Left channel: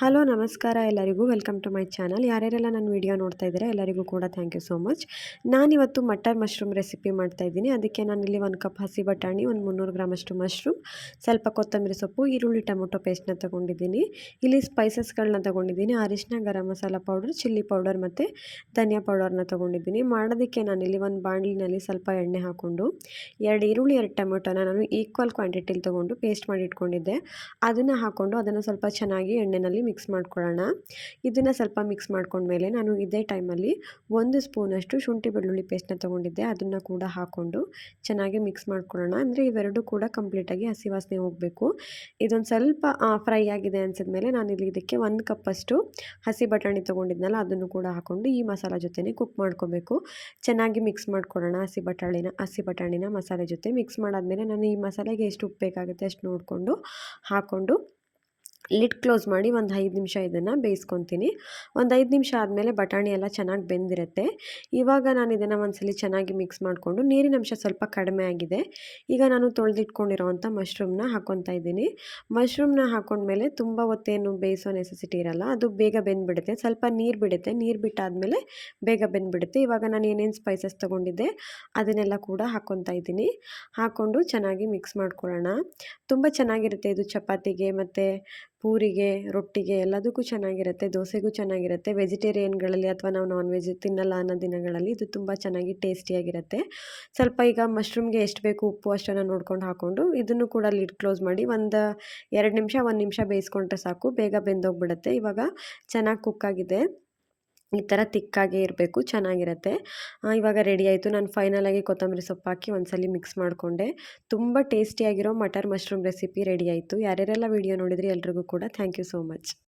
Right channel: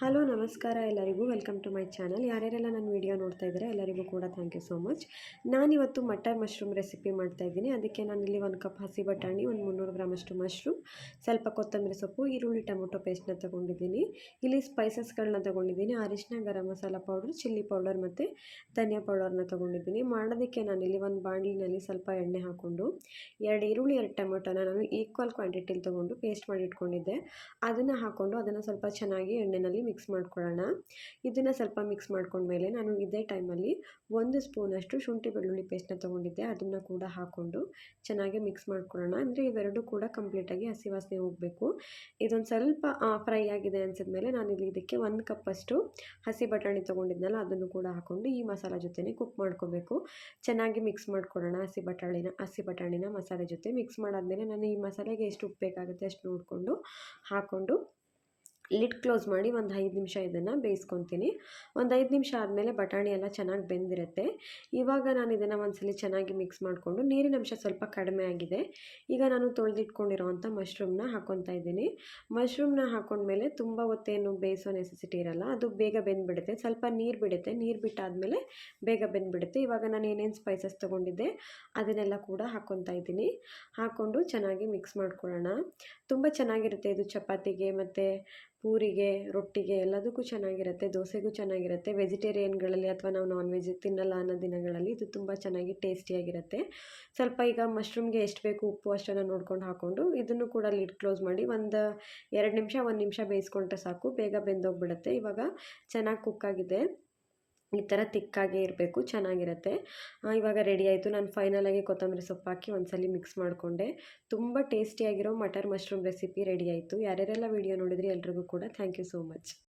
Hello ನಮಸ್ಕಾರ ಎಲ್ಲರಿಗೂ welcome to my channel. ಯಾರ್ಯಾರೆಲ್ಲ ನನ್ನ ವಿಡಿಯೋ ನೋಡ್ತಾ ಇದ್ದಾರೆ ಎಲ್ಲರಿಗೂ ಕೂಡ ಥ್ಯಾಂಕ್ ಯು ಸೋ ಮಚ್. ನಾನಿವತ್ತು ಮಟರ್ ಮಶ್ರೂಮ್ ರೆಸಿಪಿ ಮಾಡ್ತಾಯಿದ್ದೀನಿ. ಅದಕ್ಕೆ ನಾನಿಲ್ಲಿ 1 ಕಪ್ ಹಸಿ ಬಟಾಣಿ, ಒಂದು 300 ಗ್ರಾಮಷ್ಟು ಮಶ್ರೂಮ್, ಸ್ವಲ್ಪ ಕೊತ್ತಂಬರಿ ಸೊಪ್ಪು, ಈರುಳ್ಳಿ, ಟೊಮೊಟೊ ಪೇಸ್ಟ್ನ ತೊಗೊಂಡಿದ್ದೀನಿ. ಇಲ್ಲಿ ಸ್ಪೈಸಸ್ಗಳನ್ನ ತೊಗೊಂಡಿದ್ದೀನಿ. ಅರಿಶಿನ, garam masala powder, chilli powder ಮತ್ತು ಧನಿಯಾ ಪೌಡರ್ನ ತೊಗೊಂಡಿದ್ದೀನಿ. ಮಾಡೋದಕ್ಕೆ ನಾನಿಲ್ಲಿ ಒಂದು ಬಾಣಲಿನಲ್ಲಿ ಸ್ವಲ್ಪ ಎಣ್ಣೆ ಹಾಕ್ಕೊಂಡು 2 ಈರುಳ್ಳಿ 2 ಟೊಮೊಟೊನ ನಾನು ಈಕ್ವಲ್ ಕ್ವಾಂಟಿಟಿಲಿ ತೊಗೊಂಡು ಪೇಸ್ಟ್ ಮಾಡಿ ಇಟ್ಕೊಂಡಿದ್ದೆ. ಅದನ್ನು ಹಾಕ್ಕೊಂಡು ಅದನ್ನು ಸ್ವಲ್ಪ ಚೆನ್ನಾಗಿ ಎಣ್ಣೆಯಲ್ಲಿ ಮಿಕ್ಸ್ ಮಾಡ್ಕೊಳ್ಳೋಣ. ಇದನ್ನು ಸ್ವಲ್ಪ ಮಿಕ್ಸ್ ಮಾಡ್ಕೊಂಡ್ಮೇಲೆ ನಾನು ಇದೇ ಟೈಮಲ್ಲಿ 1 ಸ್ಪೂನಷ್ಟು ಶುಂಠಿ ಬೆಳ್ಳುಳ್ಳಿ ಪೇಸ್ಟ್ನ ತೊಗೊಂಡಿದ್ದೆ. ಅದನ್ನು ಕೂಡ ಹಾಕ್ಕೊಂಡು ಚೆನ್ನಾಗಿ ಮಿಕ್ಸ್ ಮಾಡ್ಕೊಳ್ಳೋಣ. ಅಂದರೆ ಇವೆರಡೂ ಕೂಡ ಕಂಪ್ಲೀಟಾಗಿ ಹಸಿ ವಾಸನೆ ಹೋಗಬೇಕು. ಇದೊಂದು ಸ್ವಲ್ಪ ಫ್ರೈ ಆಗಿದೆ ಅನಿಸಿದ್ಮೇಲೆ ನಾನಿಲ್ಲಿ ಇದಕ್ಕೆ 1 ಕಪ್ಪಷ್ಟು ಹಸಿ ಬಟಾಣಿ ತೊಗೊಂಡಿದ್ನಲ್ಲ ಅದನ್ನು ಕೂಡ ಹಾಕ್ಕೊಂಡು ಈ ಮಸಾಲ ಜೊತೆನೇ ಕುಕ್ ಮಾಡ್ಕೋಬೇಕು. ಚೆನ್ನಾಗಿ ಮಿಕ್ಸ್ ಮಾಡ್ಕೊಳ್ಳೋಣ. ಹಸಿ ಬಟಾಣಿನ ಮಸಾಲೆ ಜೊತೆ ಮಿಕ್ಸ್ ಮಾಡಾದಮೇಲೆ ನಾನು ಈ ಮಸಾಲೆಗೆ ಎಷ್ಟು ಉಪ್ಪು ಬೇಕಾಗುತ್ತೆ ಅಷ್ಟು ನೋಡಿಕೊಂಡು ಹಾಕ್ಕೊಂಡು ಲಿಡ್ ಕ್ಲೋಸ್ ಮಾಡಿ ಒಂದು 5 ನಿಮಿಷ ಇದನ್ನು ಬೇಯಿಸ್ಕೊತೀನಿ. ಒಂದು 5 ನಿಮಿಷ ಆದಮೇಲೆ ಬಟಾಣಿ ಎಲ್ಲ ಚೆನ್ನಾಗಿ ಬೆಂದಿರುತ್ತೆ. ಇವಾಗ ನಾನು ಇದನ್ನು ಒಂದ್ಸಲಿ ಚೆನ್ನಾಗಿ ಮಿಕ್ಸ್ ಮಾಡಿಕೊಂಡು ನೀರಿನ ಅಂಶ ಸ್ವಲ್ಪ ಕಡಿಮೆ ಆಗಿದೆ. ಈಗ ನಾನು ತೊಳೆದಿಟ್ಕೊಂಡಿರೋವಂಥ ಮಶ್ರೂಮ್ನ ಹಾಕ್ಕೊತಾ ಇದ್ದೀನಿ. ಮಶ್ರೂಮ್ನ ಹಾಕ್ಕೊಂಡ್ಮೇಲೆ ತುಂಬ ಹೊತ್ತೇನು ಬೇಯಿಸೋ ನೆಸೆಸಿಟಿ ಇರಲ್ಲ. ಅದು ಬೇಗ ಬೆಂದ್ಬಿಡುತ್ತೆ. ಸ್ವಲ್ಪ ನೀರು ಬಿಡುತ್ತೆ. ನೀರು ಬಿಟ್ಟಾದಮೇಲೆ ಬೇಗ ಬೆಂದ್ಬಿಡುತ್ತೆ. ಇವಾಗ ನಾನು ಏನೇನು ಸ್ಪೈಸಸ್ ತೊಗೊಂಡಿದ್ದೆ ಅದನ್ನೆಲ್ಲ ಕೂಡ ಹಾಕ್ಕೊತಾ ಇದ್ದೀನಿ. ಹಾಕ್ಕೊಂಡು ಚೆನ್ನಾಗಿ ಮಿಕ್ಸ್ ಮಾಡ್ಕೊಳ್ಳೋಣ. ತುಂಬ ಚೆನ್ನಾಗಿರುತ್ತೆ ಇದು ಚಪಾತಿಗೆ ಮತ್ತು ಪೂರಿಗೆ, ರೊಟ್ಟಿಗೆ ಎಲ್ಲದಕ್ಕೂ ಚೆನ್ನಾಗಿರುತ್ತೆ. ದೋಸೆಗೂ ಚೆನ್ನಾಗಿರುತ್ತೆ. ವೆಜಿಟೇರಿಯನ್ಗಳಲ್ಲಿ ಅಥವಾ ನಾವು ನಾನ್ ವೆಜ್ ತಿನ್ನಲ್ಲ ಅನ್ನೋ ದಿನಗಳಲ್ಲಿ ಇದು ತುಂಬ ಚೆನ್ನಾಗಿ ಟೇಸ್ಟಿಯಾಗಿರುತ್ತೆ. ಸ್ವಲ್ಪ ಈಗ ಮಶ್ರೂಮ್ಗೆ ಎಷ್ಟು ಬೇಕು ಉಪ್ಪು ಅಷ್ಟನ್ನು ನೋಡ್ಕೊಂಡು ಹಾಕ್ಕೊಂಡು ಇದನ್ನು ಕೂಡ ಲಿಡ್ ಕ್ಲೋಸ್ ಮಾಡಿ ಒಂದು 2 ನಿಮಿಷ 1 ನಿಮಿಷ ಬೇಯಿಸ್ಕೊಂಡ್ರೆ ಸಾಕು. ಬೇಗ ಬೆಂದೋಗ್ಬಿಡುತ್ತೆ. ಇವಾಗ ಚೆನ್ನಾಗಿ ಕುಕ್ಕಾಗಿದೆ. ಈ ಥರ ತಿಕ್ಕಾಗೇ ಇರಬೇಕು. ಚೆನ್ನಾಗಿರುತ್ತೆ. ಇವಾಗ ರೆಡಿ ಆಯಿತು. ನಾನು ಫೈನಲಾಗಿ ಕೊತ್ತಂಬರಿ ಸೊಪ್ಪು ಹಾಕಿ ಒಂದ್ಸಲಿ ಮಿಕ್ಸ್ ಮಾಡಿಕೊಂಡೆ. ತುಂಬ ಟೇಸ್ಟಿಯಾಗಿರೋ ಮಟರ್ ಮಶ್ರೂಮ್ ರೆಸಿಪಿ ರೆಡಿ ಆಯಿತು. ಯಾರ್ಯಾರೆಲ್ಲ ವಿಡಿಯೋ ನೋಡಿದ್ರಿ ಎಲ್ರಿಗೂ ಕೂಡ ಥ್ಯಾಂಕ್ ಯು ಸೋ ಮಚ್.